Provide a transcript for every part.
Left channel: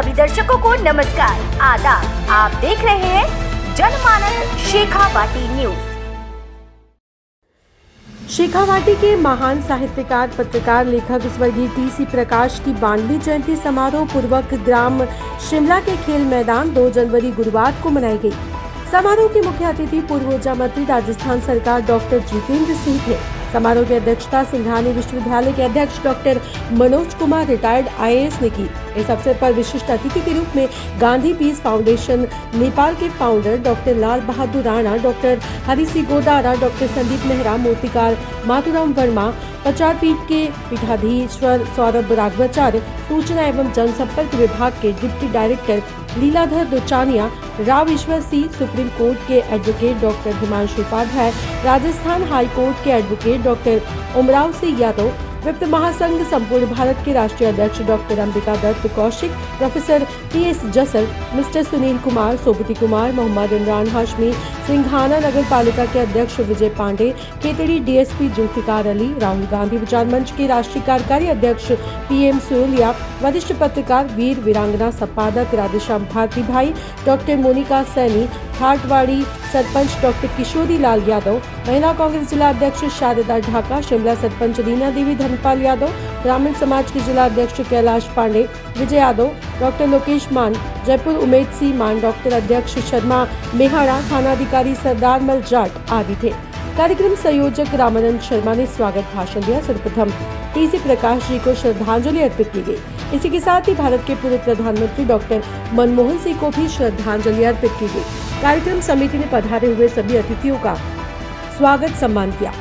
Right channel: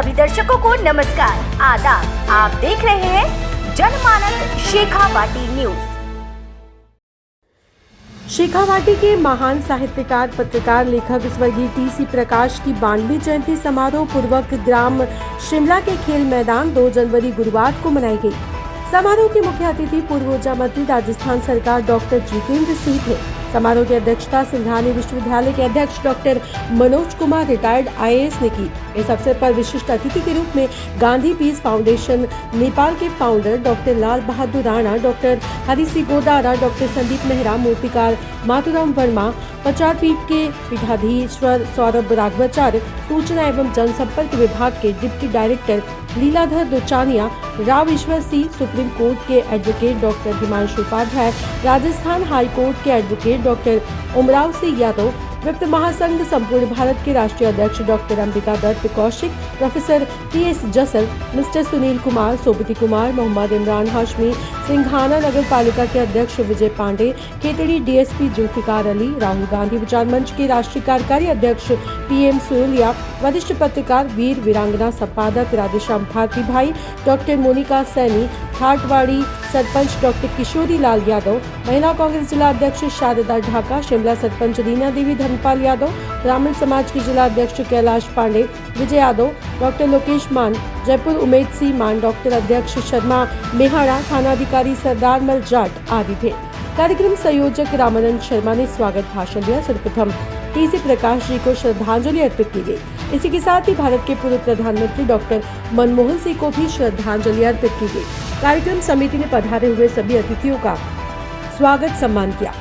सभी दर्शकों को नमस्कार, आदाब। आप देख रहे हैं जनमानस शेखावाटी न्यूज। शेखावाटी के महान साहित्यकार, पत्रकार, लेखक स्वर्गीय टी.सी. प्रकाश की 92वीं जयंती समारोह पूर्वक ग्राम शिमला के खेल मैदान 2 जनवरी गुरुवार को मनाई गई। समारोह के मुख्य अतिथि पूर्व ऊर्जा मंत्री राजस्थान सरकार डॉक्टर जितेंद्र सिंह थे। समारोह की अध्यक्षता सिंघानी विश्वविद्यालय के अध्यक्ष doctor Manoj Kumar retired IAS ने की। इस अवसर पर विशिष्ट अतिथि के रूप में गांधी पीस फाउंडेशन नेपाल के founder doctor Lal Bahadur Rana, doctor Hari Singh Godara, doctor Sandeep Nehra, मूर्तिकार माथुराम वर्मा, प्रचार पीठ के पीठाधीश्वर सौरभ राघवाचार्य, सूचना एवं जनसंपर्क विभाग के deputy director Leeladhar Duchania, Rao Ishwar Singh, supreme court के advocate doctor Himanshu Upadhyay, Rajasthan high court के एडवोकेट डॉक्टर उमराव सिंह यादव, वित्त महासंघ संपूर्ण भारत के राष्ट्रीय अध्यक्ष doctor Ambika Dutt Kaushik, professor TS Jasar, mister Sunil Kumar, Sobti Kumar, Mohammad Imran Hashmi, Singhana नगर पालिका के अध्यक्ष विजय पांडे, खेतड़ी DSP जुल्फिकार अली, राहुल गांधी विचार मंच के राष्ट्रीय कार्यकारी अध्यक्ष PM सोलिया, वरिष्ठ पत्रकार वीर वीरांगना संपादक राधेश्याम भारती भाई, डॉक्टर मोनिका सैनी, थाटवाड़ी सरपंच डॉक्टर किशोरी लाल यादव, महिला कांग्रेस जिला अध्यक्ष शारदा ढाका, शिमला सरपंच रीना देवी धर्मपाल यादव, ब्राह्मण समाज के जिला अध्यक्ष कैलाश पांडे, विजय यादव, डॉक्टर लोकेश मान, जयपुर उमेद सिंह मान, डॉक्टर अध्यक्ष शर्मा मेहाड़ा, थानाधिकारी सरदार मल जाट आदि थे। कार्यक्रम संयोजक रामानंद शर्मा ने स्वागत भाषण दिया। सर्वप्रथम टी.सी. प्रकाश जी को श्रद्धांजलि अर्पित की गई। इसी के साथ ही भारत के पूर्व प्रधानमंत्री डॉक्टर मनमोहन सिंह को भी श्रद्धांजलि अर्पित की गई। कार्यक्रम समिति ने पधारे हुए सभी अतिथियों का स्वागत सम्मान किया।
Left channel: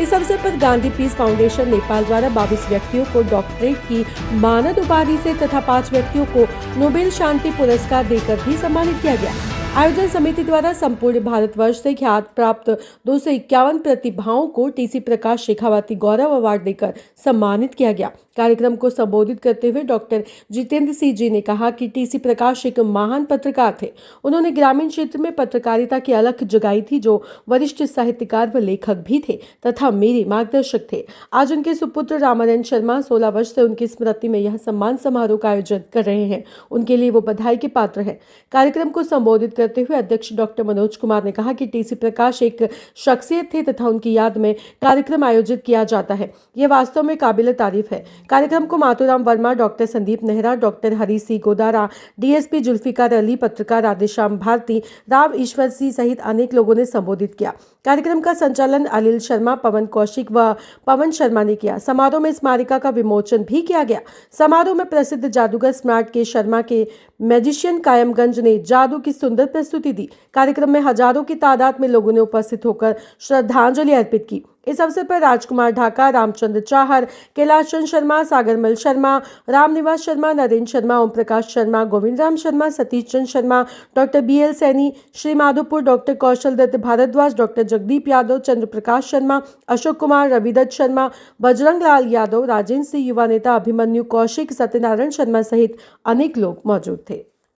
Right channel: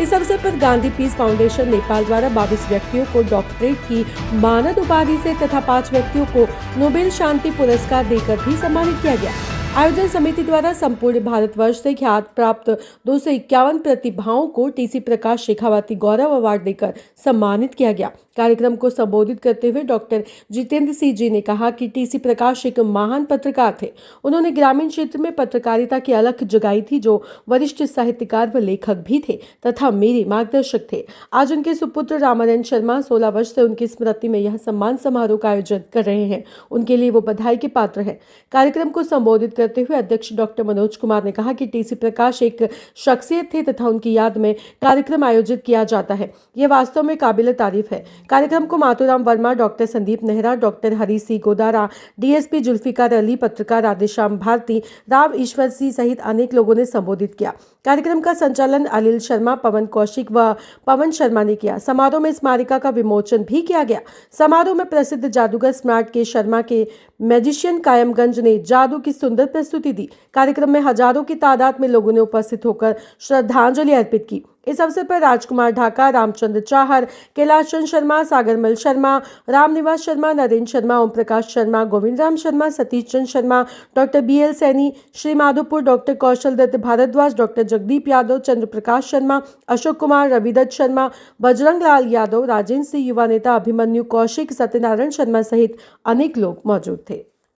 इस अवसर पर गांधी पीस फाउंडेशन नेपाल द्वारा 22 व्यक्तियों को डॉक्टरेट की मानद उपाधि से तथा 5 व्यक्तियों को नोबेल शांति पुरस्कार देकर भी सम्मानित किया गया। आयोजन समिति द्वारा संपूर्ण भारतवर्ष से ख्याति प्राप्त 251 प्रतिभाओं को टी.सी. प्रकाश शेखावाटी गौरव अवार्ड देकर सम्मानित किया गया। कार्यक्रम को संबोधित करते हुए डॉक्टर जितेंद्र सिंह जी ने कहा कि टी.सी. प्रकाश एक महान पत्रकार थे। उन्होंने ग्रामीण क्षेत्र में पत्रकारिता की अलख जगाई थी, जो वरिष्ठ साहित्यकार व लेखक भी थे तथा मेरे मार्गदर्शक थे। आज उनके सुपुत्र रामानंद शर्मा 16 वर्ष से उनकी स्मृति में यह सम्मान समारोह का आयोजन कर रहे हैं। उनके लिए वो बधाई के पात्र हैं। कार्यक्रम को संबोधित करते हुए अध्यक्ष डॉक्टर मनोज कुमार ने कहा कि टी.सी. प्रकाश एक शख्सियत थे तथा उनकी याद में कार्यक्रम आयोजित किया जाता है। यह वास्तव में काबिल तारीफ है। कार्यक्रम को Mathuram Verma, doctor Sandeep Nehra, doctor Hari Singh Godara, DSP Zulfikar Ali, पत्रकार राधेश्याम भारती, राव ईश्वर सिंह सहित अनेक लोगों ने संबोधित किया। कार्यक्रम का संचालन अनिल शर्मा, पवन कौशिक व पवन शर्मा ने किया। समारोह में स्मारिका का विमोचन भी किया गया। समारोह में प्रसिद्ध जादूगर स्मार्ट के शर्मा के मैजिशियन कायमगंज ने जादू की सुंदर प्रस्तुति दी। कार्यक्रम में हजारों की तादाद में लोगों ने उपस्थित होकर श्रद्धांजलि अर्पित की। इस अवसर पर Rajkumar Dhaka, Ramchandra Chahar, Kailash Chand Sharma, Sagarmal Sharma, Ramniwas Sharma, Narendra Sharma, Om Prakash Sharma, Govind Ram Sharma, Satish Chand Sharma, doctor BL Saini, Shri Madhopur, doctor Kaushal Dutt Bharadwaj, doctor Jagdeep Yadav, Chandra Prakash Sharma, Ashok Kumar, Ravidutt Sharma, Bajrang Lal Yadav, Rajendra Singh, युवा नेता अभिमन्यु कौशिक, सत्यनारायण शर्मा सहित अनेक लोग मौजूद थे।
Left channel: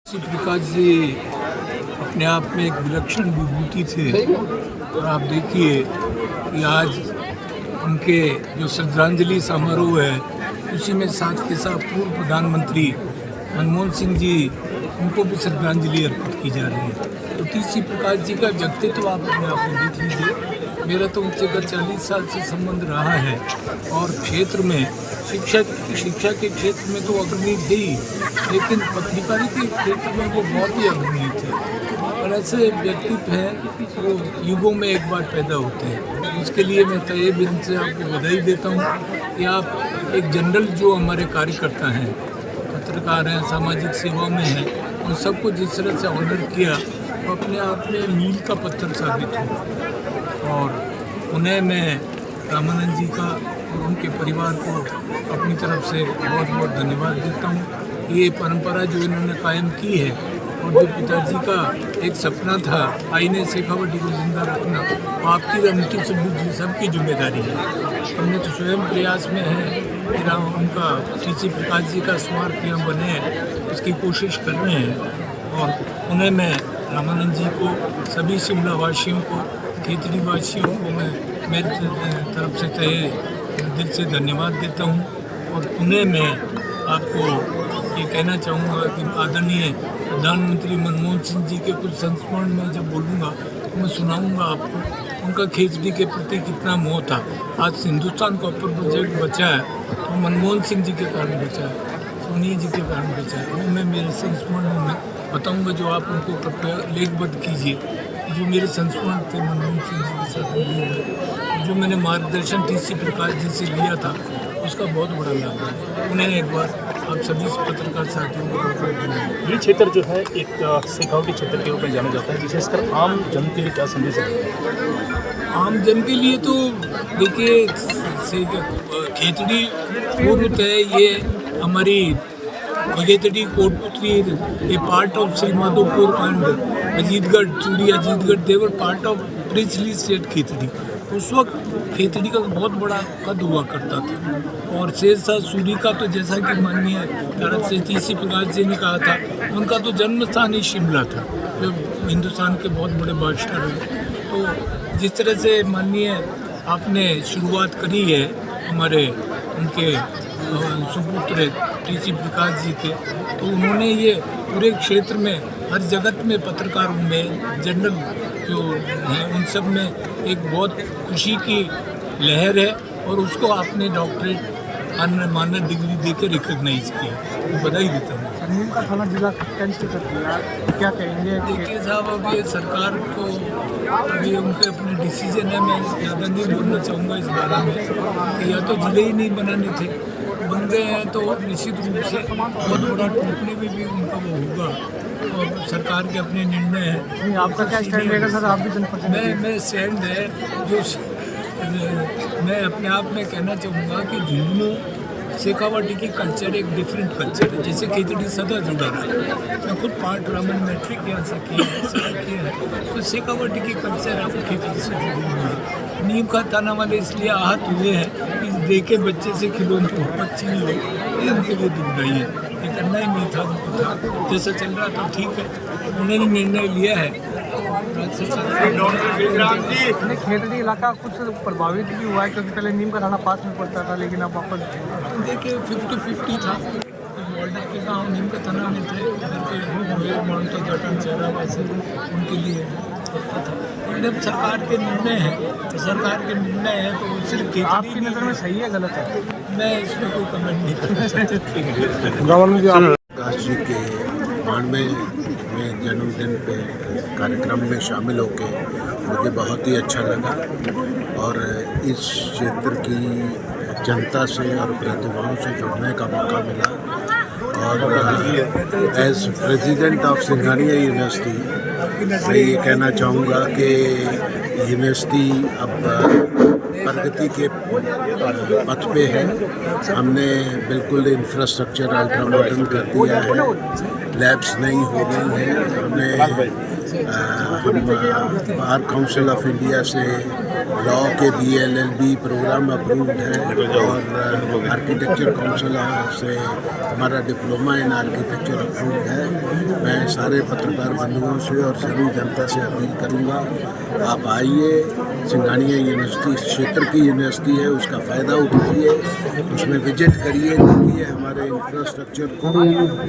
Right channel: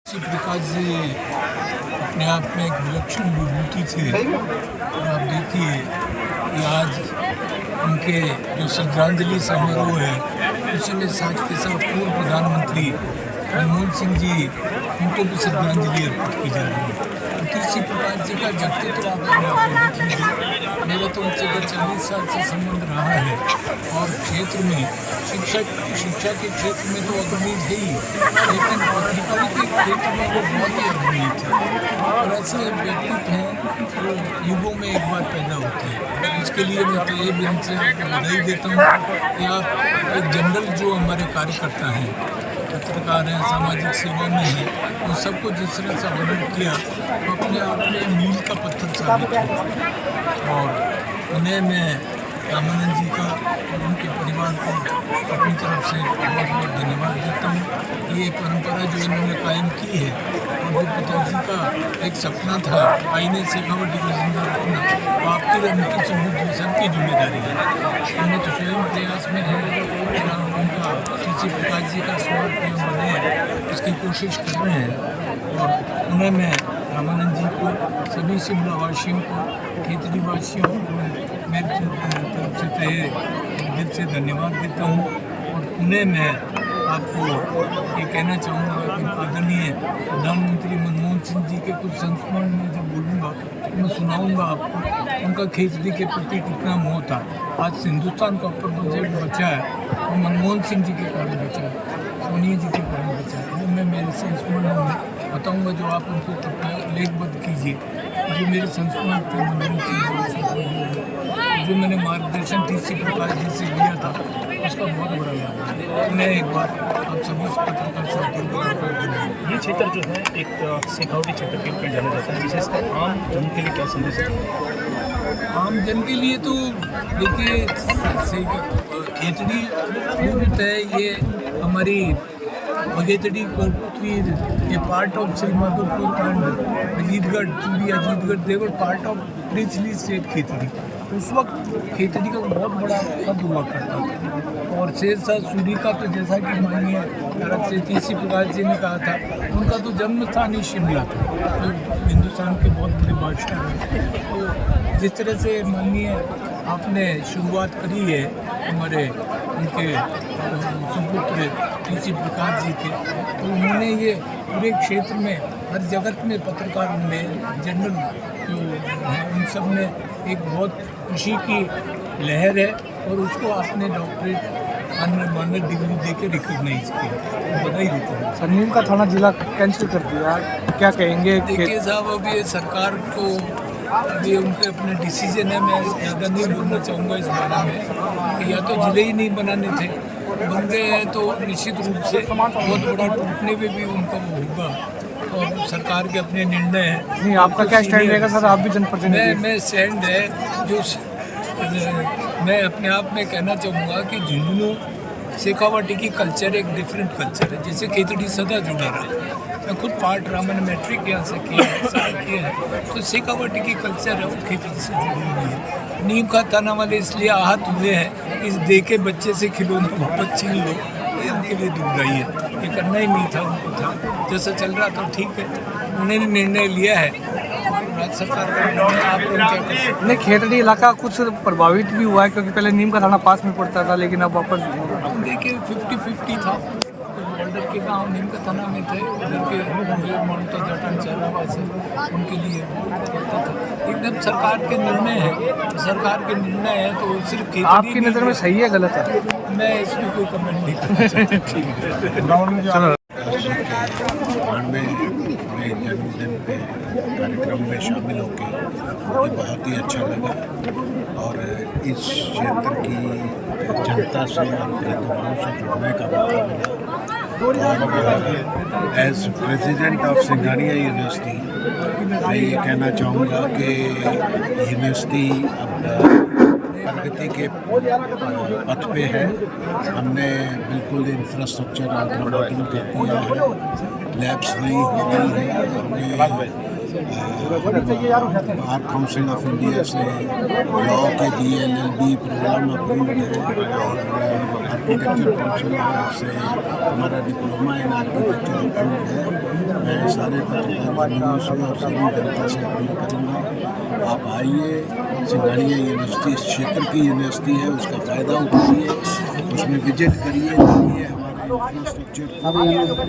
प्रकाश जी अपने आप में एक विलक्षण विभूति थे और आप देखिए कि आज उनके जो श्रद्धांजलि समारोह है उसी में साथ के साथ पूर्व प्रधानमंत्री मनमोहन सिंह जी, उनको भी श्रद्धांजलि अर्पित की जा रही है। तो टी.सी. प्रकाश जी का व्यक्तित्व आप अपने आप में देख लीजिए। मेरा तो उनसे 40 साल से संबंध रहा है और क्षेत्र में शिक्षा के क्षेत्र में तो अग्रणी थे ही, लेकिन पत्रकारिता के क्षेत्र में वो बहुत ही अग्रणी थे। और ऐसे व्यक्तित्व हैं जो युगों में एक बार पैदा होते हैं। इसके लिए मैं तहे दिल से आपको बधाई देता हूँ कि आप एक जनरल जो हमारे कार्यकर्ता हैं, पत्रकार हैं, सामाजिक सेवा में हैं, उन सबको जिस तरह से ऑनर किया वो अपने आप में मील का पत्थर साबित हो। और उन्हें मैं रामानंद जी का और उनके परिवार को अपनी तरफ से बहुत बहुत धन्यवाद देता हूँ। ये परंपरा जो इन्होंने कायम की है और जो पिताजी का एक सपना था आईने शेखावाटी को जिंदा रखना, वो आपकी और उनकी सबकी जिम्मेदारी है। हमने तो स्वयं प्रयास में है, उनका टी.सी. प्रकाश जी का स्मारक यहाँ बने हैं, उसकी कोशिश कर रहे हैं। और उन्हें मैं रामानंद जी को, सभी शिमला वासियों को, खेतड़ी वासियों को मैं मेरी तरफ से दिल से धन्यवाद देता हूँ। और उन्हें मैं आपको ये कहना चाहूँगा कि आदरणीय प्रधानमंत्री मनमोहन सिंह जी के कुछ संस्मरण में जब बोलूँगा तो मैं सुनाऊँगा आपको उनका खेतड़ी के प्रति कितना मोह था। आज हिंदुस्तान का अपर प्रोजेक्ट बचा है तो मनमोहन सिंह जी के कारण बचा है, सोनिया जी के कारण बचा है। वो मैं मेरे संस्मरणों में बताऊँगा, जो आप उनको कृपया लेखबद्ध कीजिए। जो मेरे संस्मरण थे मनमोहन सिंह जी के साथ हुए, जो मैंने मार्गदर्शन टीसी प्रकाश जी से लिया था, उसका बहुत बड़ा लाभ है। उन्हें एक बार आप सभी पत्रकार साथियों को ये क्षेत्र जो है एक शेखावटी क्षेत्र के रूप में जाना जाता है, विशेषकर आम जन के लिए क्या संदेश है? आम जन के लिए तो देखिए, खेतड़ी पूर्वतः ये हमारी Khetri Kotputli a part of Shri Madhopur and Ajitgarh, Chudi Ajitgarh, देवर part of princely state Khetri. उस वक्त खेतड़ी का बहुत बड़ा कद हुआ करता था और शेरशाह सूरी का तो जैसा कि माननीय भारत से टीसी प्रकाश जी ने कहा था, उनका तो जन्म स्थान ही शिमला था, जो हिंदुस्तान के बहुत बड़े बादशाह रहे। तो जिस तरह से माननीय आपने शुरुआत करी है हमारे उनके सुपुत्र टीसी प्रकाश जी थे, तो उन्होंने ये पूरे क्षेत्र में हर जगत में पत्रकारों में जनरल जो हैं उन सब में एक बहुत खुशी की लहर है और उसको आपने डॉक्टरेट अन्य मानद डिग्री देकर रिकॉग्नाइज किया, बधाई देता हूँ। नीम का थाना जिला कैंसिल कर दिया, क्या कहेंगे? देखिए साहब, अब ये सरकार को अभी उनके अपने डिसीजन है, मैं ज़्यादा नहीं बोलना चाहूँगा इस बारे में कि या तो जिले ही नहीं बनाने थे, बन गए हैं तो निश्चित रूप से बहुत बड़ा टूटने में भी उनका वो होगा और सरकार के अपने निर्णय हैं। आपका क्या स्टैंड रहेगा सर? आप भी जनप्रतिनिधि। मैं स्टैंड है जो मैं अपने आप में कहना चाहूँगा कि झुंझुनू शेखावाटी की कल्चर एक डिफरेंट कल्चर है, जैसे खेतड़ी सदा जुड़ा रहा। मैं खुद पार्ट रहा, मैंने मैट्रिक यहाँ से किया है, सारा किया है, तो शेखावाटी की कल्चर है वो खेतड़ी से जुड़ी हुई है। नीम का थाना वाले इसलिए आहत हुए हैं इस देखे बच्चे से खिलौना वापस छीन लो, ये उनके लिए दुखदाई है। ये करना ही नहीं था, उनको था जैसा चल रहा था ठीक है, उन्होंने निर्णय लिया है राज्य सरकार का। खेतड़ी इलाका कुछ प्रभावित भी हुआ है क्योंकि पहले नीम का थाना पास में पड़ता था, लेकिन अब वापस देखिए 50-50 था। कुछ बॉर्डर के गांव नीम का थाना में थे, उधर के माउंटा जाटान चेहरावा से उनके लिए पड़ता था। एकदम सरकार के निर्णय है, तो सरकार के निर्णय है तो सिर्फ खेतड़ी आपकी नज़र में सही है गलत है? मैं इसमें कोई कमेंट नहीं करना चाहता। प्रकाश जी के 92वें जन्मदिन पे कार्यक्रम में शामिल होकर मुझे बहुत ही अच्छा लगा और इस क्षेत्र की जनता से और प्रतिभाओं से जुड़ने का मौका मिला। और as president of Singhania university मैं ये कहना चाहूँगा कि यूनिवर्सिटी अब प्रगति के पथ पे है। हमने बिल्कुल इंफ्रास्ट्रक्चर अल्ट्रा मॉडर्न कर दिया है, लैब्स नई हो गई हैं, हमें बार काउंसिल ऑफ इंडिया से लॉ के BLLB प्रोग्राम अप्रूव्ड है और आर्किटेक्चर काउंसिल से हमारा डिप्लोमा इन आर्किटेक्चर अप्रूव्ड है। मैं सारे पत्रकार बंधुओं से और सभी जनता से अपील करूंगा, आप आइए, सिंघानिया यूनिवर्सिटी इस क्षेत्र की यूनिवर्सिटी है, उसका फ़ायदा उठाइए, उसमें विजिट करिए, देखिए हमारे इंफ्रास्ट्रक्चर को,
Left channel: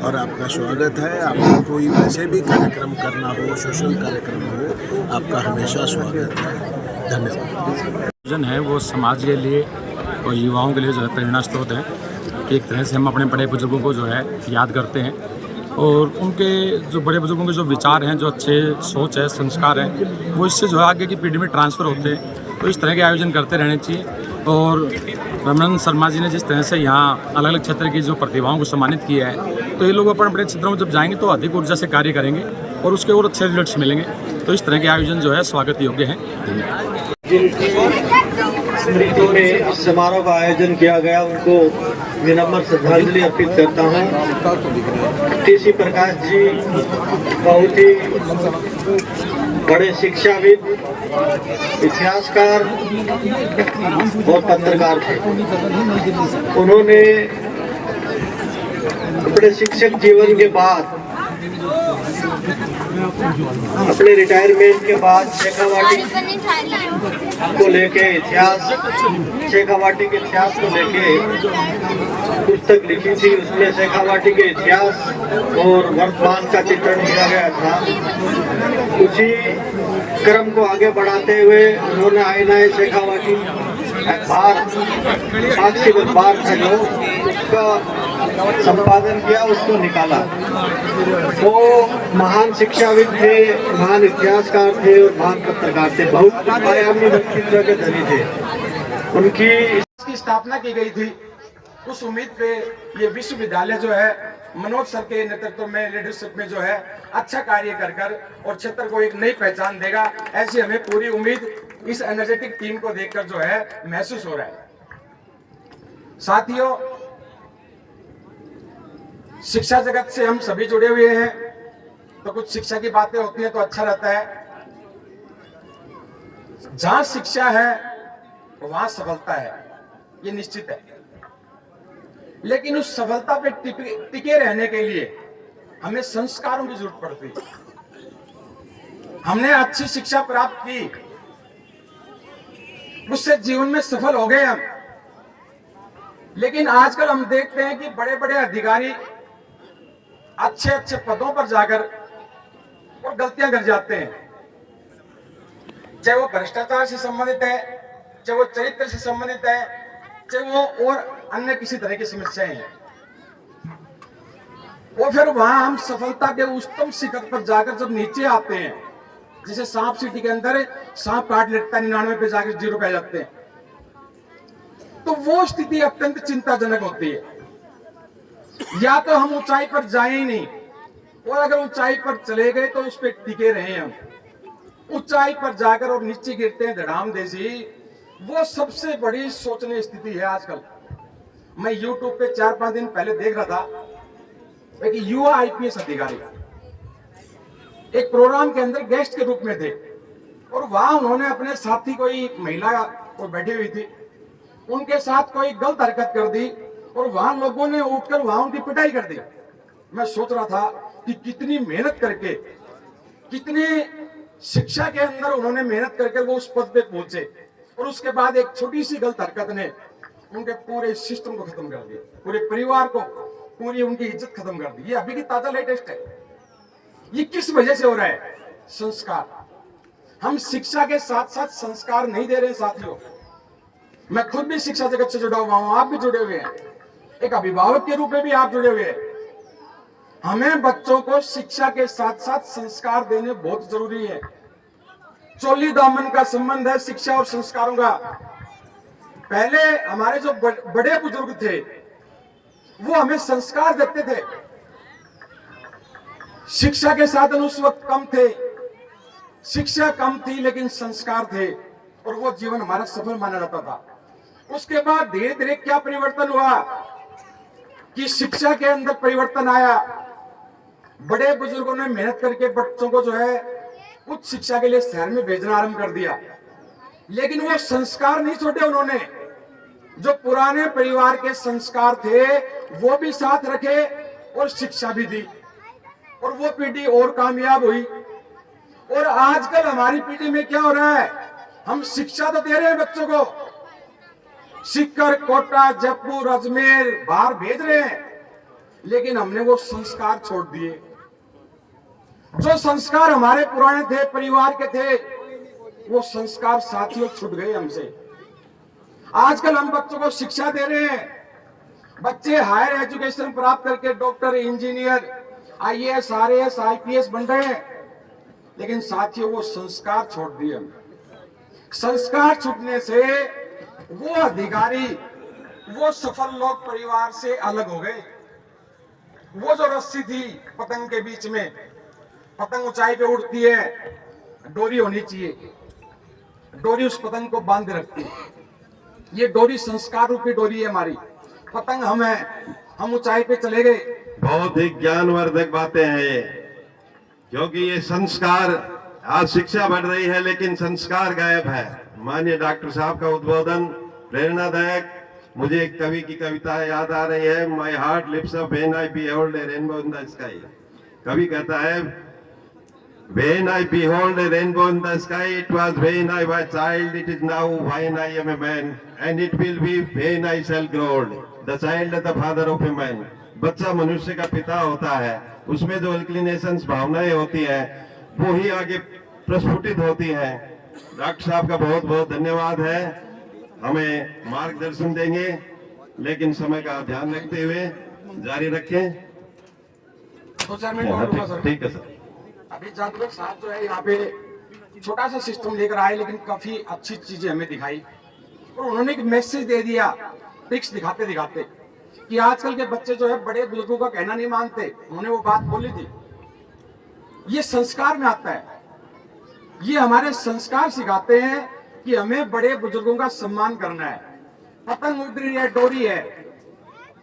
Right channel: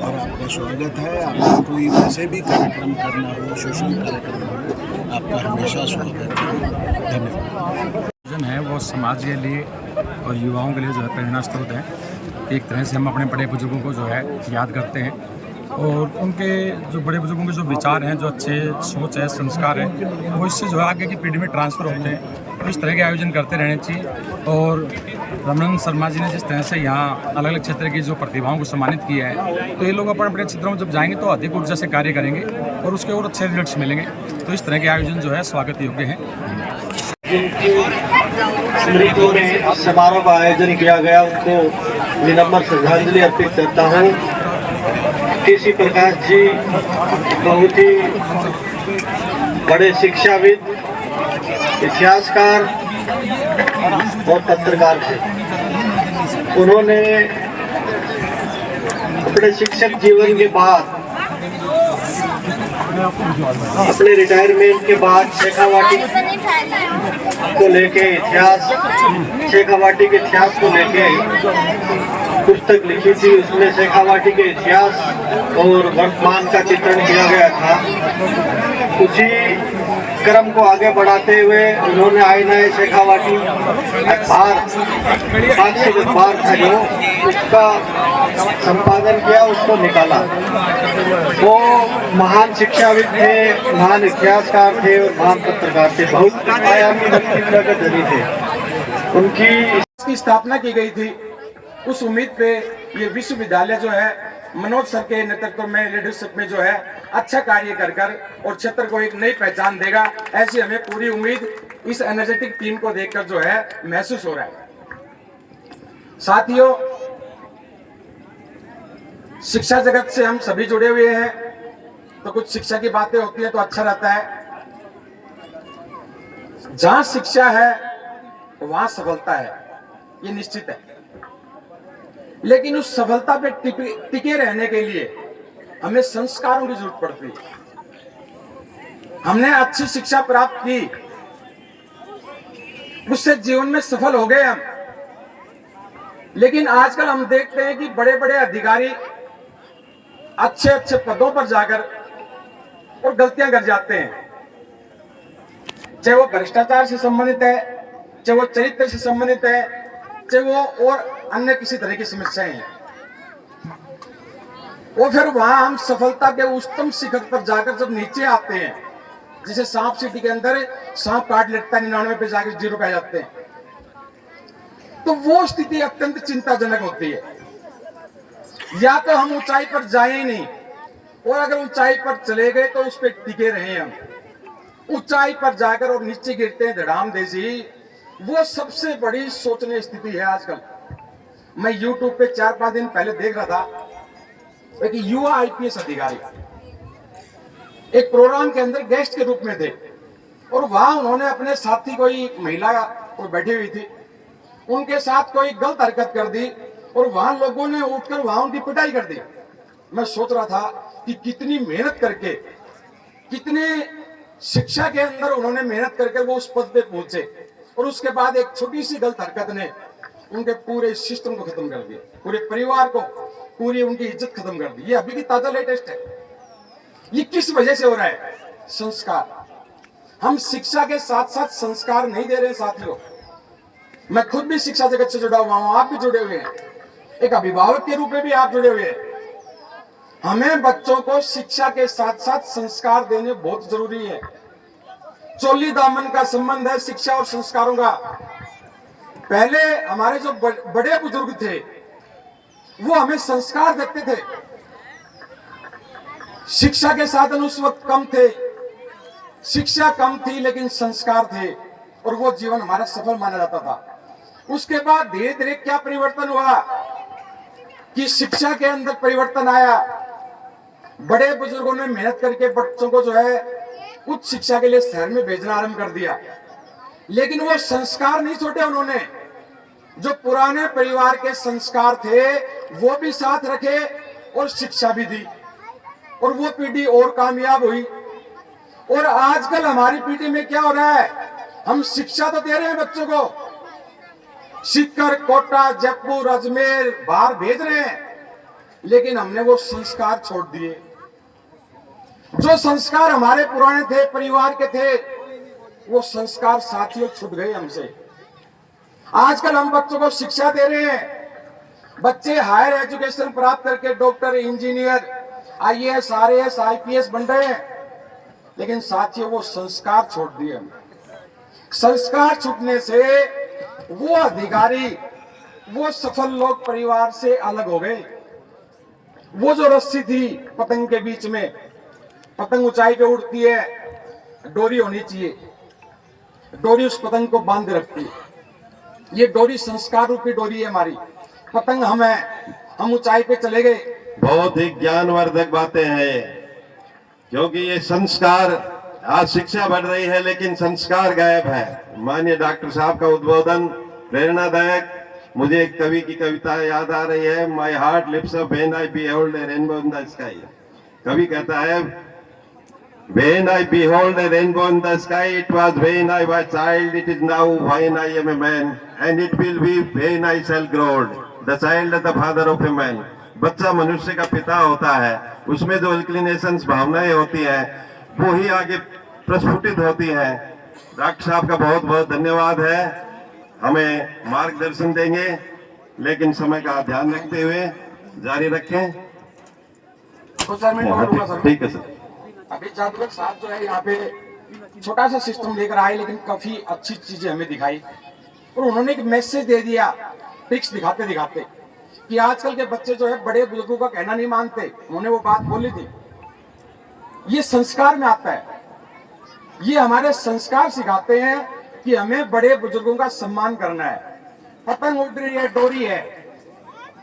और आपका स्वागत है। आपको कोई वैसे भी कार्यक्रम करना हो, सोशल कार्यक्रम हो, आपका हमेशा स्वागत है। धन्यवाद। है वो समाज के लिए और युवाओं के लिए जो है प्रेरणा स्रोत है कि एक तरह से हम अपने बड़े बुजुर्गों को जो है याद करते हैं और उनके जो बड़े बुजुर्गों के जो विचार हैं, जो अच्छे सोच है, संस्कार हैं, वो इससे जो है आगे की पीढ़ी में ट्रांसफ़र होते हैं। तो इस तरह के आयोजन करते रहने चाहिए। और रमन शर्मा जी ने जिस तरह से यहाँ अलग अलग क्षेत्र की जो प्रतिभाओं को सम्मानित किया है, तो ये लोग अपने अपने क्षेत्रों में जब जाएंगे तो अधिक ऊर्जा से कार्य करेंगे और उसके और अच्छे रिजल्ट्स मिलेंगे। तो इस तरह के आयोजन जो है स्वागत योग्य हैं। समारोह का आयोजन किया गया, उनको विनम्र श्रद्धांजलि अर्पित करता हूँ। टीसी प्रकाश जी बहुत ही बड़े शिक्षाविद, इतिहासकार और पत्रकार थे। उन्होंने अपने शिक्षक जीवन के बाद, अपने रिटायरमेंट के बाद शेखावाटी को लेके इतिहास, शेखावाटी के इतिहास को लेके पुस्तक लिखी थी, उसमें शेखावाटी के इतिहास और वर्तमान का चित्रण किया गया था। उसी क्रम को आगे बढ़ाते हुए उन्होंने आईना शेखावाटी अखबार, साक्षी अखबार था जो, उसका संपादन किया, उसको निकाला। वो महान शिक्षाविद थे, महान इतिहासकार थे और महान पत्रकार थे, बहुत आयामी व्यक्तित्व के धनी थे। उनकी स्थापना की गई थी। उस उम्मीद पे ये विश्वविद्यालय जो है मनोज सर के नेतृत्व में, लीडरशिप में जो है अच्छा कार्य कर कर और क्षेत्र को एक नई पहचान देगा, ऐसी हमें पूरी उम्मीद इस एनर्जेटिक टीम को देखकर जो है महसूस हो रहा है। साथियों, शिक्षा जगत से हम सभी जुड़े हुए हैं, तो कुछ शिक्षा की बातें होती हैं तो अच्छा रहता है। जहां शिक्षा है वहां सफलता है, ये निश्चित है। लेकिन उस सफलता पे टिके रहने के लिए हमें संस्कारों की जरूरत पड़ती है। हमने अच्छी शिक्षा प्राप्त की, उससे जीवन में सफल हो गए हम, लेकिन आजकल हम देखते हैं कि बड़े बड़े अधिकारी अच्छे अच्छे पदों पर जाकर और गलतियां कर जाते हैं, चाहे वो भ्रष्टाचार से संबंधित है, चाहे वो चरित्र से संबंधित है, चाहे वो और अन्य किसी तरह की समस्याएं हैं। और फिर वहां हम सफलता के उच्चतम शिखर पर जाकर जब नीचे आते हैं, जैसे सांप सीढ़ी के अंदर सांप काट लेता है, 99 पे जाकर 0 पे आ जाते हैं, तो वो स्थिति अत्यंत चिंताजनक होती है। या तो हम ऊंचाई पर जाए ही नहीं, और अगर ऊंचाई पर चले गए तो उस पर टिके रहे हम। ऊंचाई पर जाकर और नीचे गिरते हैं धड़ाम देसी, वो सबसे बड़ी सोचनीय स्थिति है आजकल। मैं YouTube पे 4-5 दिन पहले देख रहा था, एक युवा IPS अधिकारी एक प्रोग्राम के अंदर गेस्ट के रूप में थे, और वहां उन्होंने अपने साथी, कोई महिला कोई बैठी हुई थी, उनके साथ कोई गलत हरकत कर दी, और वहां लोगों ने उठकर वहां उनकी पिटाई कर दी। मैं सोच रहा था कि कितनी मेहनत करके, कितनी शिक्षा के अंदर उन्होंने मेहनत करके वो उस पद पे पहुंचे, और उसके बाद एक छोटी सी गलत हरकत ने उनके पूरे सिस्टम को खत्म कर दिया, पूरे परिवार को, पूरी उनकी इज्जत खत्म कर दी। ये अभी की ताजा लेटेस्ट है। ये किस वजह से हो रहा है? संस्कार। हम शिक्षा के साथ साथ संस्कार नहीं दे रहे साथियों। मैं खुद भी शिक्षा जगत से जुड़ा हुआ हूं, आप भी जुड़े हुए हैं, एक अभिभावक के रूप में भी आप जुड़े हुए हैं। हमें बच्चों को शिक्षा के साथ साथ संस्कार देने बहुत जरूरी है। चोली दामन का संबंध है शिक्षा और संस्कारों का। पहले हमारे जो बड़े बुजुर्ग थे वो हमें संस्कार देते थे। शिक्षा के साधन उस वक्त कम थे, शिक्षा कम थी लेकिन संस्कार थे, और वो जीवन हमारा सफल माना जाता था। उसके बाद धीरे धीरे क्या परिवर्तन हुआ कि शिक्षा के अंदर परिवर्तन आया। बड़े बुजुर्गों ने मेहनत करके बच्चों को जो है उच्च शिक्षा के लिए शहर में भेजना आरंभ कर दिया, लेकिन वो संस्कार नहीं छोड़े उन्होंने। जो पुराने परिवार के संस्कार थे वो भी साथ रखे और शिक्षा भी दी, और वो पीढ़ी और कामयाब हुई। और आजकल हमारी पीढ़ी में क्या हो रहा है? हम शिक्षा तो दे रहे हैं बच्चों को, सीकर, कोटा, जयपुर, अजमेर बाहर भेज रहे हैं, लेकिन हमने वो संस्कार छोड़ दिए। जो संस्कार हमारे पुराने थे, परिवार के थे, वो संस्कार साथियों छूट गए हमसे। आजकल हम बच्चों को शिक्षा दे रहे हैं, बच्चे हायर एजुकेशन प्राप्त करके doctor, engineer, IAS, RAS, IPS बन रहे हैं, लेकिन साथियों वो संस्कार छोड़ दिए हम। संस्कार छूटने से वो अधिकारी, वो सफल लोग परिवार से अलग हो गए। वो जो रस्सी थी पतंग के बीच में, पतंग ऊंचाई पे उड़ती है, डोरी होनी चाहिए, डोरी उस पतंग को बांध रखती है। ये डोरी संस्कार रूपी डोरी है हमारी। पतंग हम हैं, हम ऊंचाई पे चले गए। बहुत ही ज्ञानवर्धक बातें हैं, क्योंकि ये संस्कार, आज शिक्षा बढ़ रही है लेकिन संस्कार गायब है। माननीय डॉक्टर साहब का उद्बोधन प्रेरणादायक। मुझे एक कवि की कविता याद आ रही है, my heart lifts up when I behold a rainbow in the sky. कवि कहता है, when I behold a rainbow in the sky, it was when I was child, it is now when I am a man, and it will be when I shall grow old. The child the father of a man, बच्चा मनुष्य का पिता होता है। उसमें जो inclinations भावनाएं होती हैं वो ही आगे प्रस्फुटित होती हैं। डॉक्टर साहब का बहुत बहुत धन्यवाद है, हमें मार्गदर्शन देंगे, लेकिन समय का ध्यान रखते हुए जारी रखें। तो सर मैं बोलूंगा सर। ठीक है सर। अभी जादूगर साहब जो है यहाँ पे छोटा सा सिस्टम लेकर आए, लेकिन काफी अच्छी चीजें हमें दिखाई और उन्होंने एक मैसेज दे दिया पिक्स दिखाते दिखाते कि आजकल के बच्चे जो है बड़े बुजुर्गों का कहना नहीं मानते। उन्होंने वो बात बोली थी, ये संस्कार में आता है, ये हमारे संस्कार सिखाते हैं कि हमें बड़े बुजुर्गों का सम्मान करना है। पतंग उड़ रही है, डोरी है,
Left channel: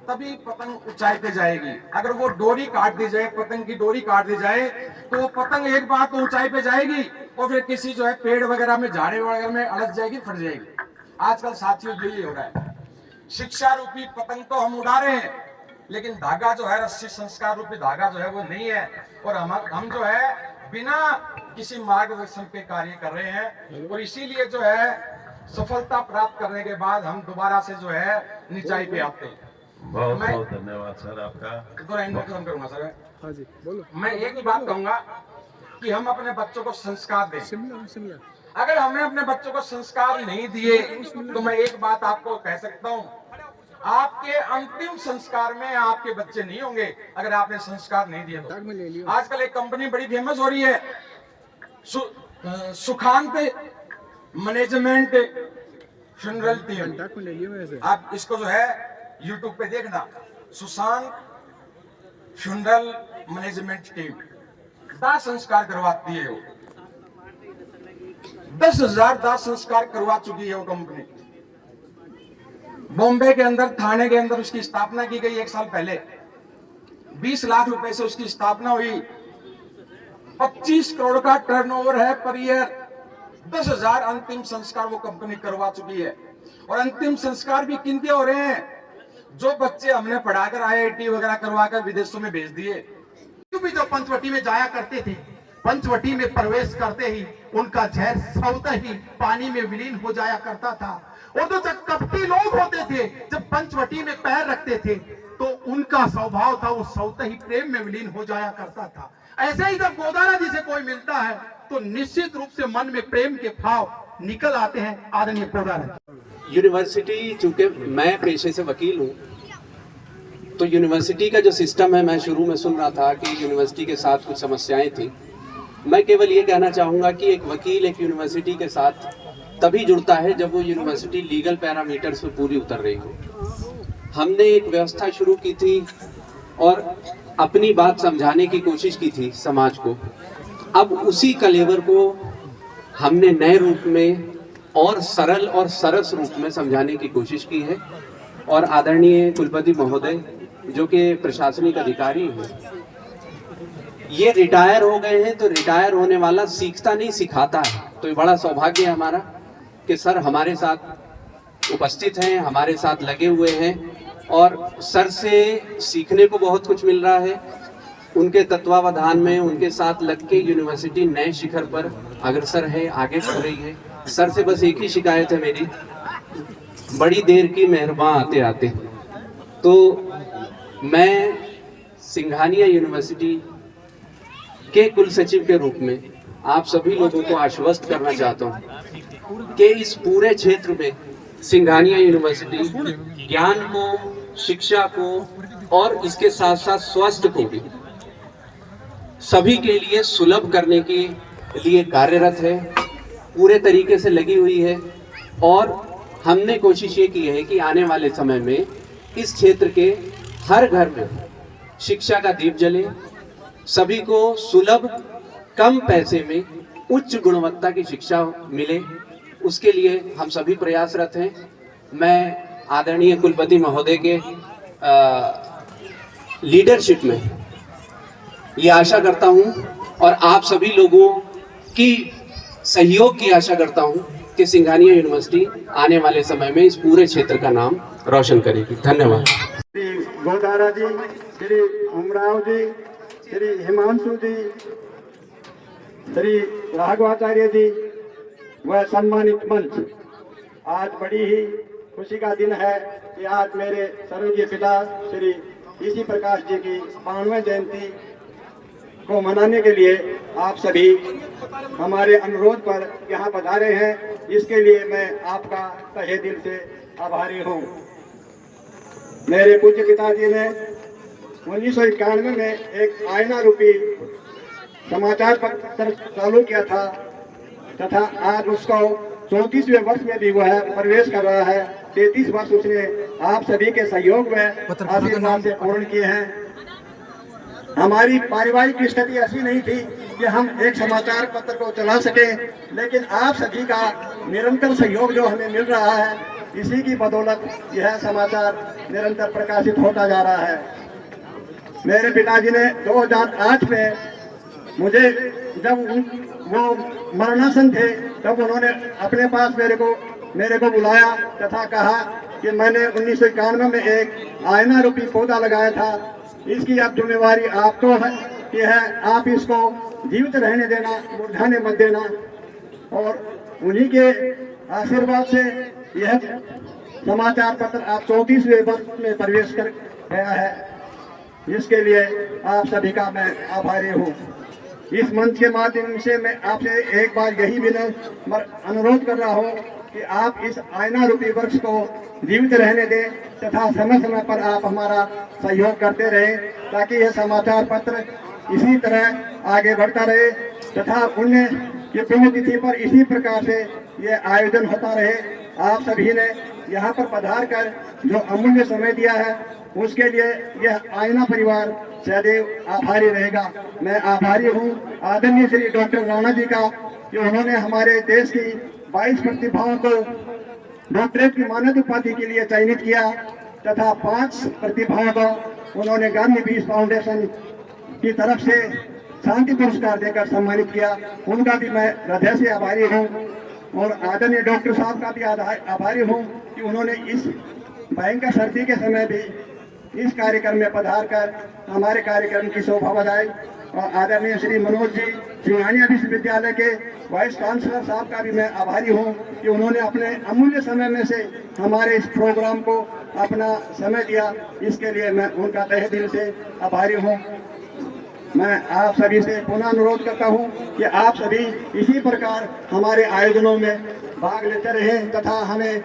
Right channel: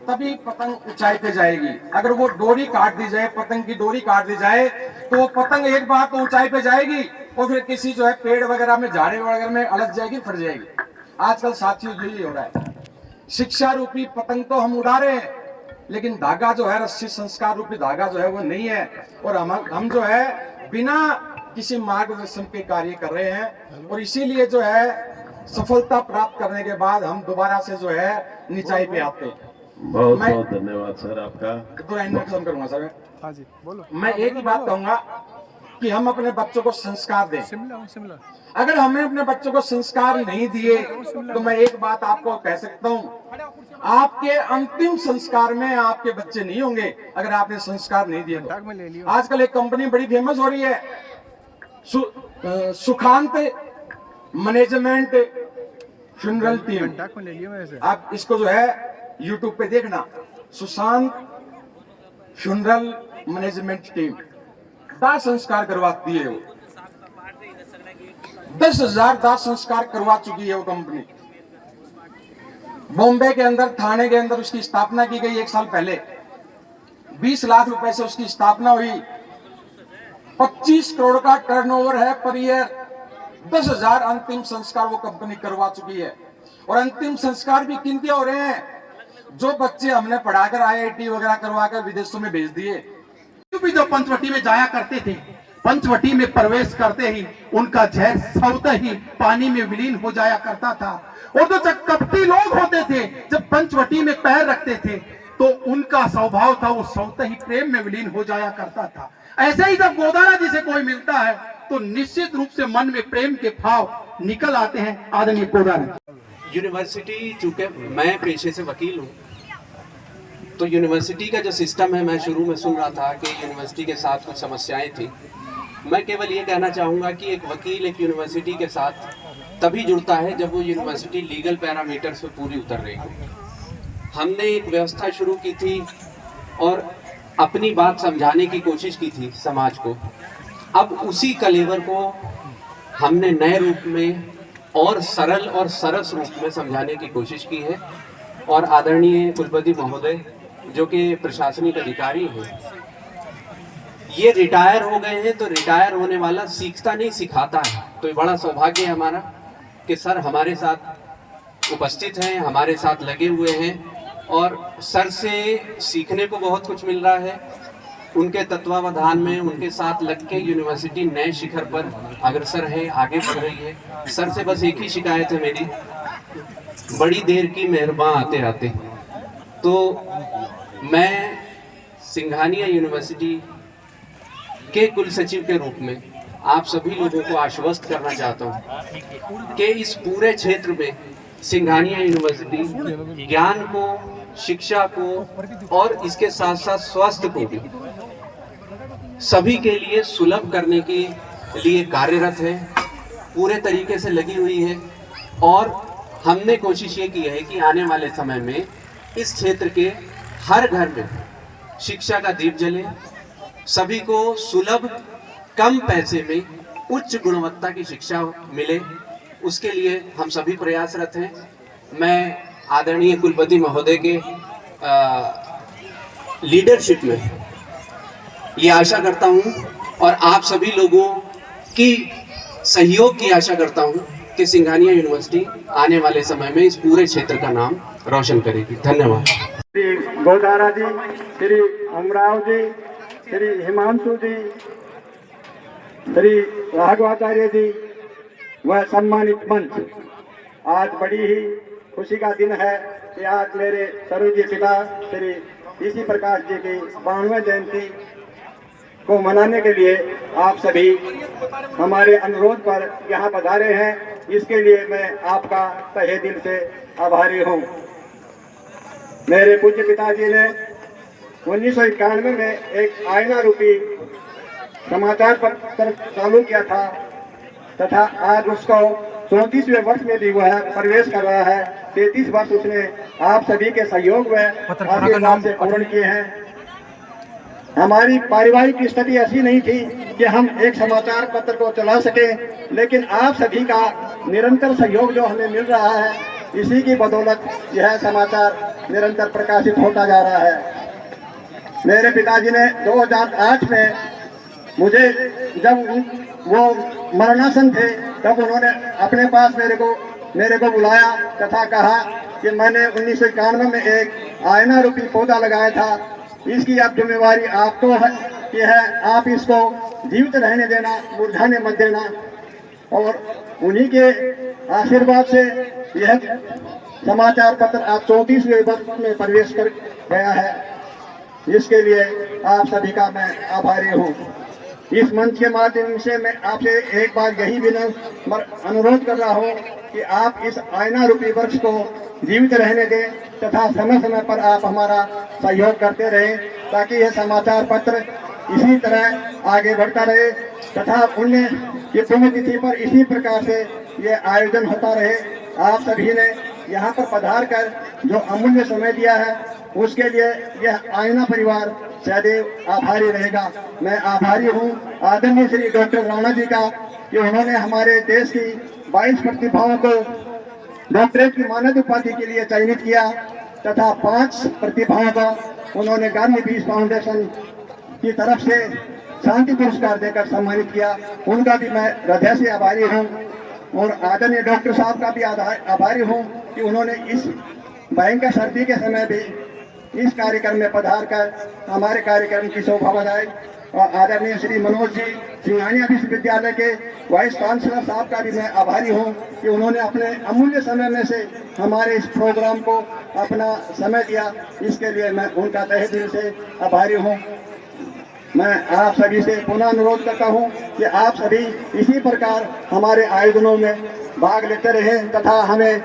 तभी पतंग ऊंचाई पे जाएगी। अगर वो डोरी काट दी जाए, पतंग की डोरी काट दी जाए, तो वो पतंग एक बार तो ऊंचाई पे जाएगी और फिर किसी जो है पेड़ वगैरह में, झाड़ी वगैरह में अलग जाएगी, फट जाएगी। आजकल साथियों यही हो रहा है। शिक्षा रूपी पतंग तो हम उड़ा रहे हैं, लेकिन धागा जो है, रस्सी संस्कार रूपी धागा जो है वो नहीं है। और हम जो है बिना किसी मार्गदर्शन के कार्य कर रहे हैं, और इसीलिए जो है सफलता प्राप्त करने के बाद हम दोबारा से जो है निचाई पे आते हैं। बहुत बहुत धन्यवाद सर आपका। तो इंट्रोडक्शन करूंगा सर। हाँ जी बोलो। मैं एक ही बात कहूंगा कि हम अपने बच्चों को संस्कार दें। सिमला अगर हमने अपने बच्चों को संस्कार नहीं दिए तो मैं एक बात आपको कह सकता हूं, आपके अंतिम संस्कार में आपके बच्चे नहीं होंगे अगर आपने संस्कार नहीं दिए तो। आजकल एक कंपनी बड़ी फेमस हो रही है, सुखांत मैनेजमेंट फ्यूनरल टीम। आप इसको जो है यूट्यूब पे देखना, सुशांत फ्यूनरल मैनेजमेंट टीम। दाह संस्कार करवाती है वो, 10,000 दाह संस्कार करवा चुकी है वो कंपनी। बॉम्बे के अंदर, थाने के अंदर उसकी स्थापना की गई 1 साल पहले। 20 लाख रुपए से उसकी स्थापना हुई। 25 करोड़ का टर्नओवर है पर ईयर। 10,000 अंतिम संस्कार वो कंपनी करवा चुकी है। और अंतिम संस्कार भी किनके हो रहे हैं? जो बच्चे हमने पढ़ाकर IIT वगैरह करवाकर विदेशों में भेज दिए। भी जो पंचवटी में जाया करते थे, पंचवटी में प्रवेश करते ही उनका जहर स्वतः ही पानी में विलीन हो जाया करता था। और जो कपटी लोग होते थे, जब पंचवटी में पैर रखते थे तो उनका स्वभाव था वो स्वतः ही प्रेम में विलीन हो जाया करता था। ऐसे ही जब गोदारा जी से कोई मिलता है तो निश्चित रूप से मन में प्रेम के भाव निकल आते हैं। आदरणीय गोदारा यूनिवर्सिटी, चूंकि मैं पेशे से वकील हूँ, तो यूनिवर्सिटी का जो सिस्टम है, मैं शुरू में सुन रहा था कि यूनिवर्सिटी के साथ कुछ समस्याएं थी। मैं केवल ये कहना चाहूँगा कि एक वकील एक यूनिवर्सिटी के साथ तभी जुड़ता है जब वो यूनिवर्सिटी लीगल पैरामीटर्स पे पूरी उतर रही हो। हमने एक व्यवस्था शुरू की थी और अपनी बात समझाने की कोशिश की थी समाज को। अब उसी कलेवर को हमने नए रूप में और सरल और सरस रूप में समझाने की कोशिश की है। और आदरणीय कुलपति महोदय जो कि प्रशासनिक अधिकारी हैं, ये रिटायर हो गए हैं, तो रिटायर होने वाला सीखता नहीं सिखाता है। तो ये बड़ा सौभाग्य है हमारा कि सर हमारे साथ उपस्थित हैं, हमारे साथ लगे हुए हैं और सर से सीखने को बहुत कुछ मिल रहा है। उनके तत्वावधान में, उनके साथ लग के यूनिवर्सिटी नए शिखर पर अग्रसर है, आगे बढ़ रही है। सर से बस एक ही शिकायत है मेरी, बड़ी देर की मेहरबान आते आते। तो मैं सिंघानिया यूनिवर्सिटी के कुल सचिव के रूप में आप सभी लोगों को आश्वस्त करना चाहता हूँ कि इस पूरे क्षेत्र में सिंघानिया यूनिवर्सिटी ज्ञान को, शिक्षा को और इसके साथ साथ स्वास्थ्य को भी सभी के लिए सुलभ करने के लिए कार्यरत है, पूरे तरीके से लगी हुई है। और हमने कोशिश ये की है कि आने वाले समय में इस क्षेत्र के हर घर में शिक्षा का दीप जले, सभी को सुलभ, कम पैसे में उच्च गुणवत्ता की शिक्षा मिले, उसके लिए हम सभी प्रयासरत हैं। मैं आदरणीय कुलपति महोदय के लीडरशिप में ये आशा करता हूं और आप सभी लोगों की सहयोग की आशा करता हूं कि सिंघानिया यूनिवर्सिटी आने वाले समय में इस पूरे क्षेत्र का नाम रोशन करेगी। धन्यवाद। श्री गोदारा जी, श्री अमराव जी, श्री हिमांशु जी, श्री राघवाचार्य जी व सम्मानित मंच, आज बड़ी ही खुशी का दिन है कि आज मेरे स्वर्गीय पिता श्री टीसी प्रकाश जी की 92वें जयंती को मनाने के लिए आप सभी हमारे अनुरोध पर यहाँ पधारे हैं। इसके लिए मैं आपका तहे दिल से आभारी हूँ। मेरे पूज्य पिताजी ने 1991 में एक आईना रूपी समाचार पत्र चालू किया था तथा आज उसको 34वें वर्ष में भी वह प्रवेश कर रहा है। 33 वर्ष उसने आप सभी के सहयोग में आशीर्वाद से पूर्ण किए हैं। हमारी पारिवारिक स्थिति ऐसी नहीं थी कि हम एक समाचार पत्र को चला सके, लेकिन आप सभी का निरंतर सहयोग जो हमें मिल रहा है, इसी की बदौलत यह समाचार निरंतर प्रकाशित होता जा रहा है। मेरे पिताजी ने 2008 में मुझे जब वो मरणासन थे तब उन्होंने अपने पास मेरे को बुलाया तथा कहा कि मैंने 1991 में एक आईना रूपी पौधा लगाया था, इसकी अब जिम्मेवारी आपको है कि है आप इसको जीवित रहने देना, मुरझाने मत देना। और उन्हीं के आशीर्वाद से यह समाचार पत्र आप 34वें वर्ष में प्रवेश कर गया है। इसके लिए आप सभी का मैं आभारी हूँ। इस मंच के माध्यम से मैं आपसे एक बार यही विनम्र अनुरोध कर रहा हूँ कि आप इस आईना रूपी वृक्ष को जीवित रहने दें तथा समय समय पर आप हमारा सहयोग करते रहें, ताकि यह समाचार पत्र इसी तरह आगे बढ़ता रहे तथा उन्हें ये पुण्यतिथि पर इसी प्रकार से ये आयोजन होता रहे। आप सभी ने यहाँ पर पधार कर जो अमूल्य समय दिया है, उसके लिए यह आईना परिवार सदैव आभारी रहेगा। मैं आभारी हूँ आदरणीय श्री डॉक्टर राणा जी का कि उन्होंने हमारे देश की 22 प्रतिभाओं को डॉक्टरेट की मानद उपाधि के लिए चयनित किया तथा 5 प्रतिभाओं का उन्होंने गांधी पीस फाउंडेशन की तरफ से शांति पुरस्कार देकर सम्मानित किया। उनका भी मैं हृदय से आभारी हूँ और आदरणीय डॉक्टर साहब का भी आभारी हूँ कि उन्होंने इस भयंकर सर्दी के समय भी इस कार्यक्रम में पधार कर हमारे कार्यक्रम की शोभा बढ़ाई। और आदरणीय श्री मनोज जी सिंघानिया विश्वविद्यालय के वाइस चांसलर साहब का भी मैं आभारी हूँ कि उन्होंने अपने अमूल्य समय में से हमारे इस प्रोग्राम को अपना समय दिया। इसके लिए मैं उनका तहे दिल से आभारी हूँ। मैं आप सभी से पुनः अनुरोध करता हूँ कि आप सभी इसी प्रकार हमारे आयोजनों में भाग लेते रहें तथा हमें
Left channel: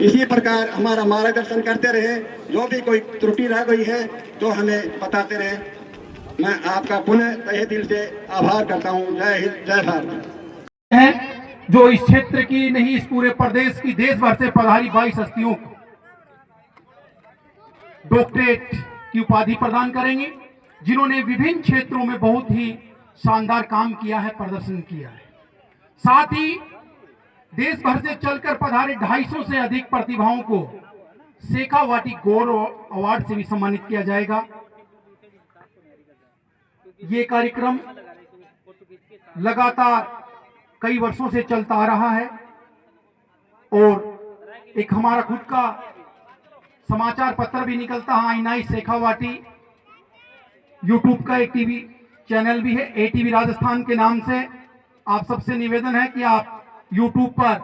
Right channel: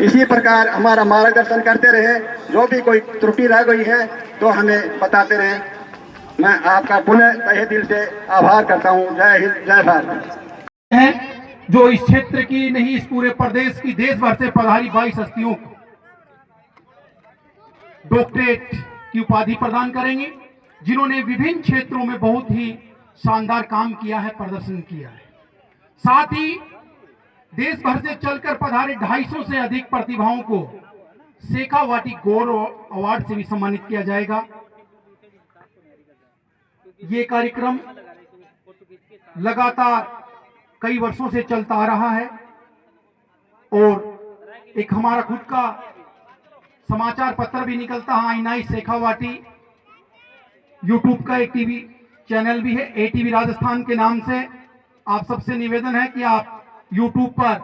इसी प्रकार हमारा मार्गदर्शन करते रहे। जो भी कोई त्रुटि रह गई है तो हमें बताते रहे। मैं आपका पुनः तहे दिल से आभार करता हूँ। जय हिंद, जय भारत। है जो इस क्षेत्र की नहीं, इस पूरे प्रदेश की, देश भर से पधारी 22 हस्तियों को डॉक्टरेट की उपाधि प्रदान करेंगे, जिन्होंने विभिन्न क्षेत्रों में बहुत ही शानदार काम किया है, प्रदर्शन किया है। साथ ही देश भर से चलकर पधारे 250 से अधिक प्रतिभाओं को शेखावाटी गौरव अवार्ड से भी सम्मानित किया जाएगा। ये कार्यक्रम लगातार कई वर्षों से चलता आ रहा है और एक हमारा खुद का समाचार पत्र भी निकलता है, आईना शेखावाटी। यूट्यूब का एक टीवी चैनल भी है, ATV राजस्थान के नाम से। आप सबसे निवेदन है कि आप यूट्यूब पर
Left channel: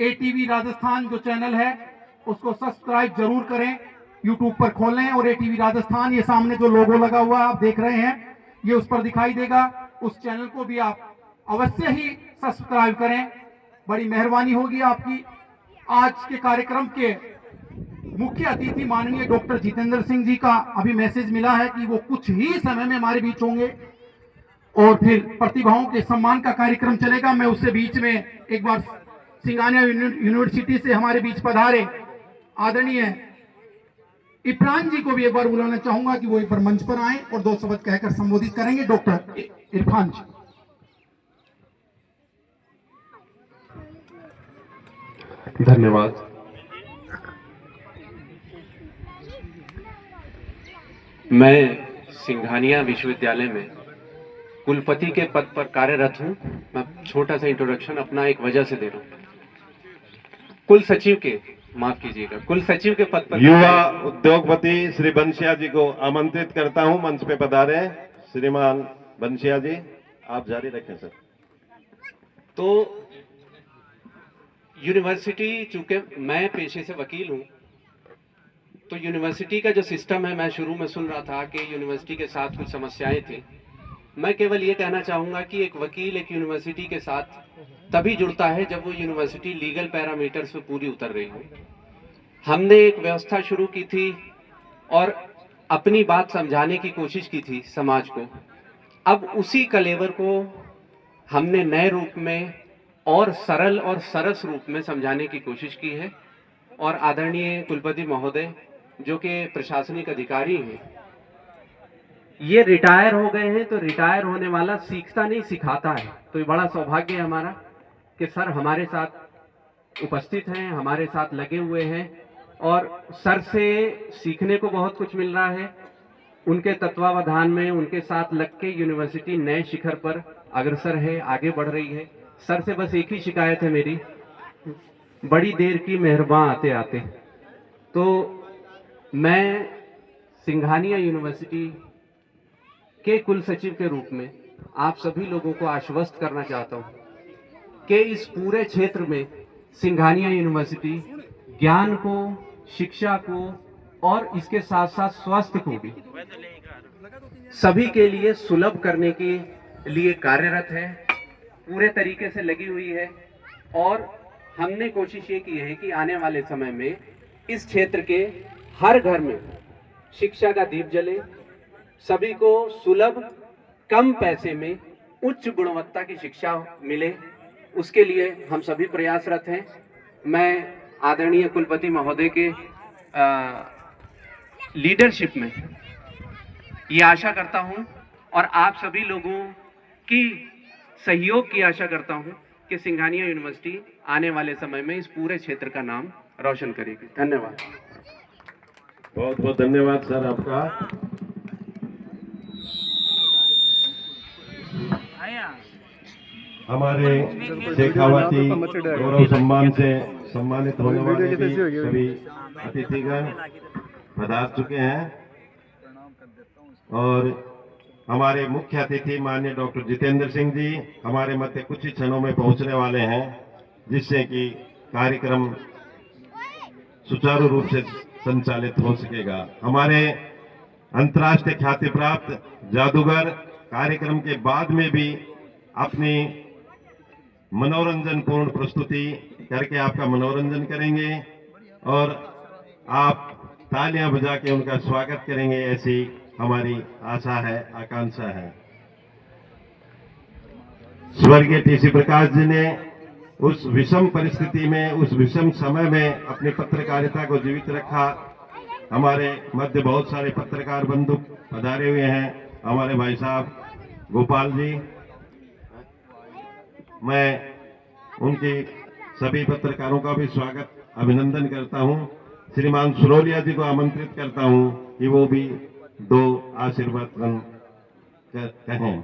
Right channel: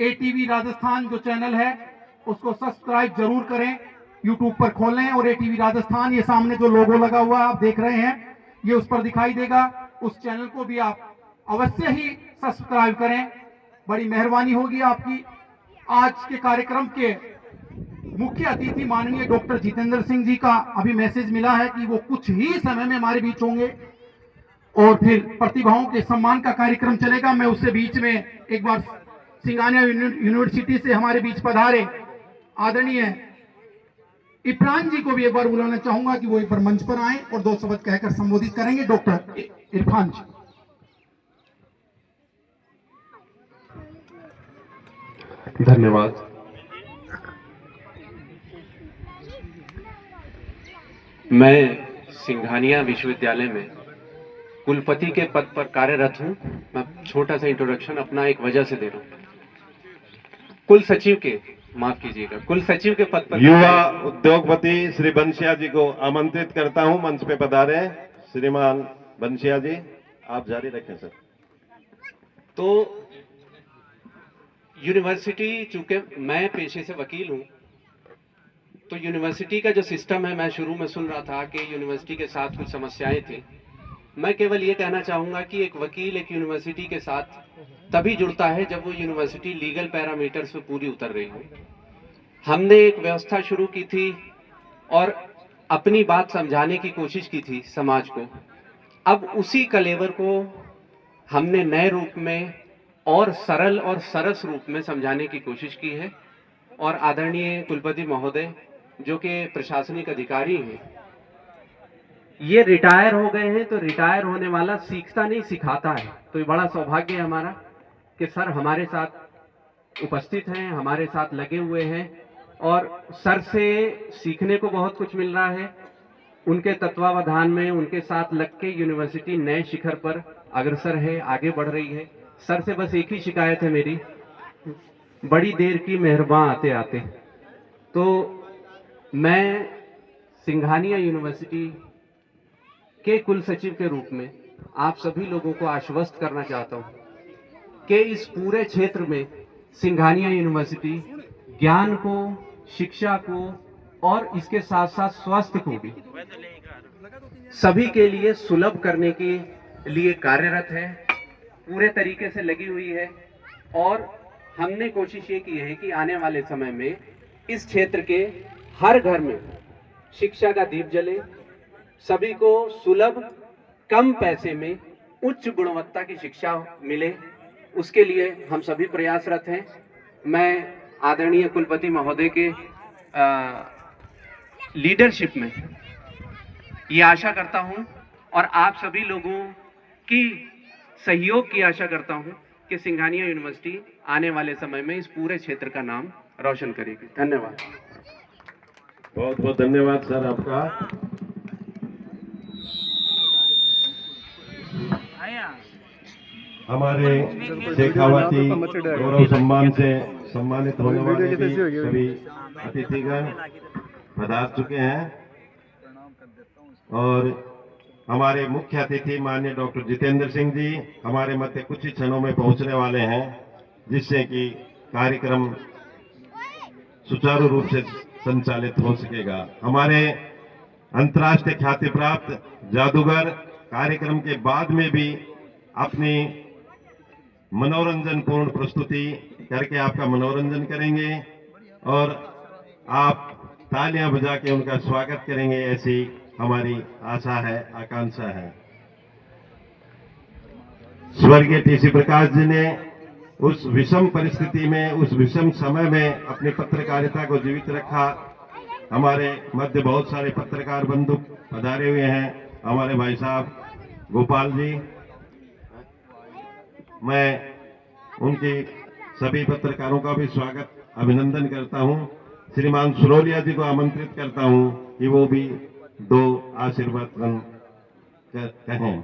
ATV राजस्थान जो चैनल है उसको सब्सक्राइब जरूर करें, यूट्यूब पर खोलें और ATV राजस्थान, ये सामने जो लोगो लगा हुआ है आप देख रहे हैं, ये उस पर दिखाई देगा। उस चैनल को भी आप अवश्य ही सब्सक्राइब करें, बड़ी मेहरबानी होगी आपकी। आज के कार्यक्रम के मुख्य अतिथि माननीय डॉक्टर जितेंद्र सिंह जी का अभी मैसेज मिला है कि वो कुछ ही समय में हमारे बीच होंगे और फिर प्रतिभाओं के सम्मान का कार्यक्रम चलेगा। मैं उससे बीच में एक बार सिंघानिया यूनिवर्सिटी से हमारे बीच पधारे आदरणीय इरफान जी को भी एक बार बुलाना चाहूंगा कि वो एक बार मंच पर आए और 2 शब्द कहकर संबोधित करेंगे। डॉक्टर इरफान जी। धन्यवाद। मैं सिंघानिया विश्वविद्यालय में कुलपति के पद पर कार्यरत हूँ। मैं छोटा सा इंट्रोडक्शन अपना एक वजह से दे रहा हूँ। कुल सचिव के, माफ कीजिएगा, कुल सचिव के पद पर युवा उद्योगपति श्री बंसिया जी को आमंत्रित करता हूं, मंच पे पधारे। श्रीमान बंसिया जी, आप जारी रखें सर। तो यूनिवर्सिटी, चूंकि मैं पेशे से वकील हूँ, तो यूनिवर्सिटी का जो सिस्टम है, मैं शुरू में सुन रहा था कि यूनिवर्सिटी के साथ कुछ समस्याएं थी। मैं केवल ये कहना चाहूँगा कि एक वकील एक यूनिवर्सिटी के साथ तभी जुड़ता है जब वो यूनिवर्सिटी लीगल पैरामीटर्स पे पूरी उतर रही हो। हमने एक व्यवस्था शुरू की थी और अपनी बात समझाने की कोशिश की थी समाज को। अब उसी कलेवर को हमने नए रूप में और सरल और सरस रूप में समझाने की कोशिश की है। और आदरणीय कुलपति महोदय, जो कि प्रशासनिक अधिकारी हैं, ये रिटायर हो गए हैं, तो रिटायर होने वाला सीखता नहीं सिखाता है। तो ये बड़ा सौभाग्य है हमारा कि सर हमारे साथ उपस्थित हैं, हमारे साथ लगे हुए हैं और सर से सीखने को बहुत कुछ मिल रहा है। उनके तत्वावधान में, उनके साथ लग के यूनिवर्सिटी नए शिखर पर अग्रसर है, आगे बढ़ रही है। सर से बस एक ही शिकायत है मेरी, बड़ी देर की मेहरबान आते आते। तो मैं सिंघानिया यूनिवर्सिटी के कुल सचिव के रूप में आप सभी लोगों को आश्वस्त करना चाहता हूं कि इस पूरे क्षेत्र में सिंघानिया यूनिवर्सिटी ज्ञान को, शिक्षा को और इसके साथ साथ स्वास्थ्य को भी सभी के लिए सुलभ करने के लिए कार्यरत है, पूरे तरीके से लगी हुई है। और हमने कोशिश ये की है कि आने वाले समय में इस क्षेत्र के हर घर में शिक्षा का दीप जले, सभी को सुलभ, कम पैसे में उच्च गुणवत्ता की शिक्षा मिले, उसके लिए हम सभी प्रयासरत हैं। मैं आदरणीय कुलपति महोदय के लीडरशिप में ये आशा करता हूं और आप सभी लोगों की सहयोग की आशा करता हूं कि सिंघानिया यूनिवर्सिटी आने वाले समय में इस पूरे क्षेत्र का नाम रोशन करेगी। धन्यवाद। बहुत बहुत धन्यवाद सर आपका। हमारे शेखावाटी गौरव सम्मान से सम्मानित होने वाले भी सभी अतिथिगण पधार चुके हैं और हमारे मुख्य अतिथि माननीय डॉक्टर जितेंद्र सिंह जी हमारे मध्य कुछ ही क्षणों में पहुंचने वाले हैं, जिससे कि कार्यक्रम सुचारू रूप से संचालित हो सकेगा। हमारे अंतर्राष्ट्रीय ख्याति प्राप्त जादूगर कार्यक्रम के बाद में भी अपनी मनोरंजन पूर्ण प्रस्तुति करके आपका मनोरंजन करेंगे और आप तालियां बजा के उनका स्वागत करेंगे, ऐसी हमारी आशा है, आकांक्षा है। स्वर्गीय टीसी प्रकाश जी ने उस विषम परिस्थिति में, उस विषम समय में अपनी पत्रकारिता को जीवित रखा। हमारे मध्य बहुत सारे पत्रकार बंधु पधारे हुए हैं, हमारे भाई साहब गोपाल जी, मैं उनकी सभी पत्रकारों का भी स्वागत, अभिनंदन करता हूं। श्रीमान सुरोलिया जी को आमंत्रित करता हूं कि वो भी दो आशीर्वाद कहें।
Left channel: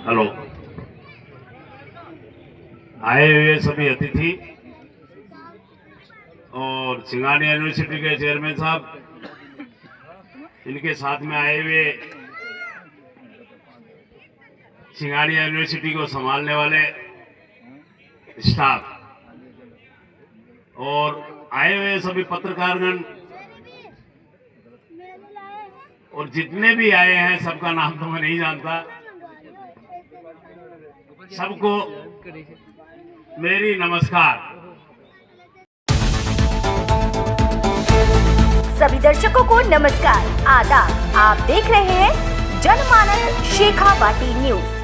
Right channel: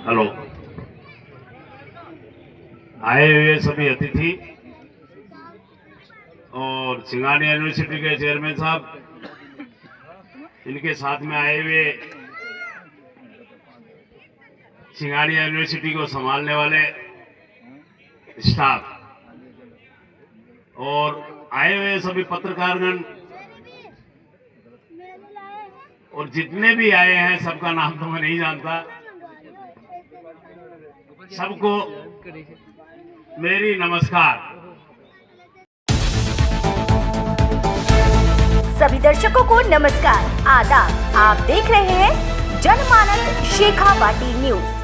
हेलो, आए हुए सभी अतिथि और सिंघानिया यूनिवर्सिटी के चेयरमैन साहब, इनके साथ में आए हुए सिंघानिया यूनिवर्सिटी को संभालने वाले स्टाफ और आए हुए सभी पत्रकारगण और जितने भी आए हैं सबका नाम तो मैं नहीं जानता, सबको मेरी नमस्कार। सभी दर्शकों को नमस्कार, आदाब। आप देख रहे हैं जनमानस शेखावाटी न्यूज।